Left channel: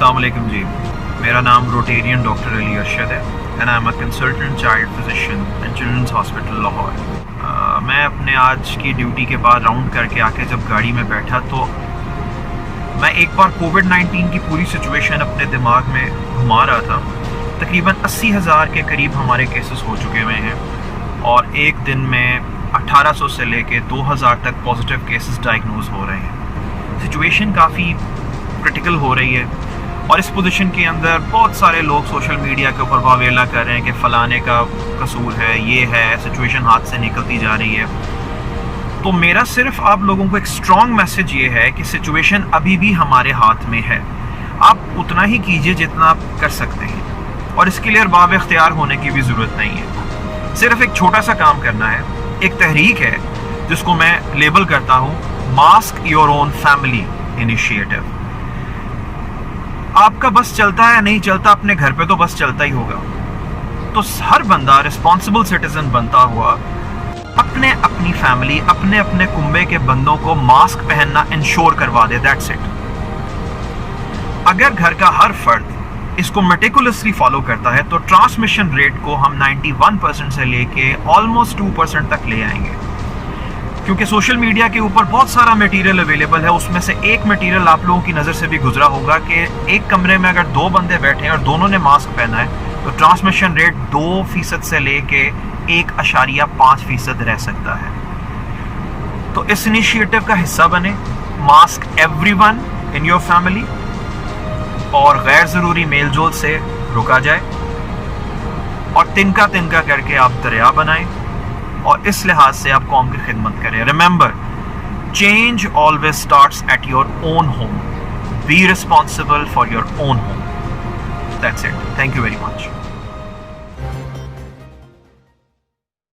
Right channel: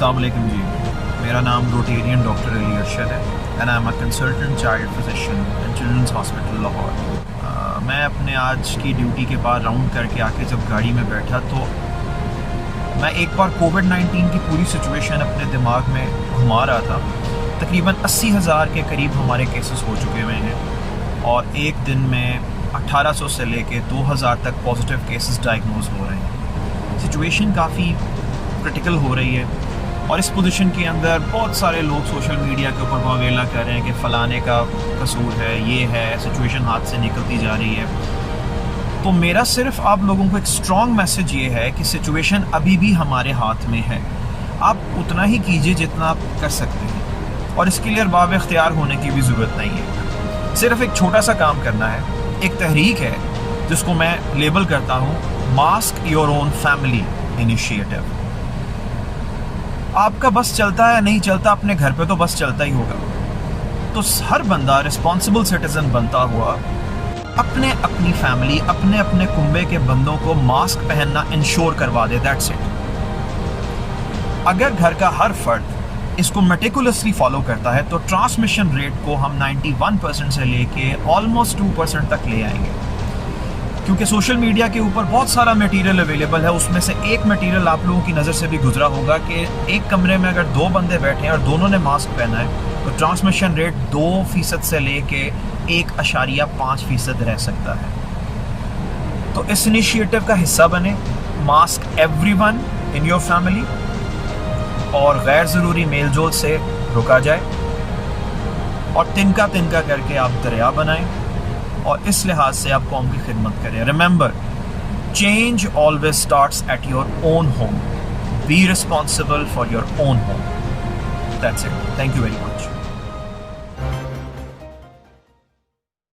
अस्सलाम वालेकुम जी, मेरा नाम रोटेरियन डॉक्टर अली अरशद है and I am a consultant child physician in children's hospital Lahore. मैं अपने आज की ड्यूटी के बाद राउंड करके आके जब गाड़ी में बैठा तो मैं एक बार कोविड-19 की पूरी सिचुएशन अपने दिमाग में घुमा रहा था। तकरीबन 80,000 के करीब हमारे केसेस हो चुके हुए हैं और एक दिन में 1800 से लेके 2000 तक पॉजिटिव केसेस डायग्नोज हो रहे हैं। सिचुएशन काफ़ी क्रिटिकल हो रही है और इस पोजीशन के अंदर बहुत सारे लोग सोशल मीडिया के ऊपर वावेला कर रहे हैं कि फ़लाने का कसूर है, ये है, सिचुएशन हाथ से निकलती जा रही है। तो मेरा सिर्फ आप लोगों को एक स्ट्रॉन्ग मैसेज ये है कि सिचुएशन अभी भी हमारे हाथ में है। आप उतना ही कीजिए जितना आप कर सकते हैं और इसके लिए बाब इख्तियार होने की भी ज़रूरत नहीं है। सिर्फ एक छोटा सा काम करना है, एक तहरीक है जिसको मैं लेबल करता हूँ mask your own family initiative. आपका बस चलता है नहीं चलता, अपने घर पे तो बस चलता ही होगा। तो हर बंदा रिस्पॉन्सिबल सिटीजन बनता हुआ अपने अपनी फैमिली, अपने अपने कुंबे के बंदों को मास्क पहनना इंश्योर करवा दे। That's it. अगर घर का हर फर्द इसको मेटिकुलसली फॉलो करता है तो ट्रांसमिशन रेट को हम 91% से लेके ऑलमोस्ट 2% तक ले आएंगे। क्योंकि सोशल मीडिया के ऊपर बहुत सारा मटेरियल अवेलेबल है, उसमें से एक मटेरियल आप लोगों की नज़र से भी गुजरा होगा कि एक कमरे में अगर 2 बंदे बैठे हैं और दोनों ने मास्क पहना है तो ट्रांसमिशन रेट 2% से लेके 1.5% रह सकता है। तो इस इनिशिएटिव का हिस्सा बने, mask everyone in your family और गैर ज़रूरी मेल जोल से रुका जाए और तिनका तिनका करके आप दरिया बनाएं और इस लिहाज से आप कौम की खिदमत करें। Remember, change always starts at your own home. Be responsible for your own home. That's it. Thank you very much.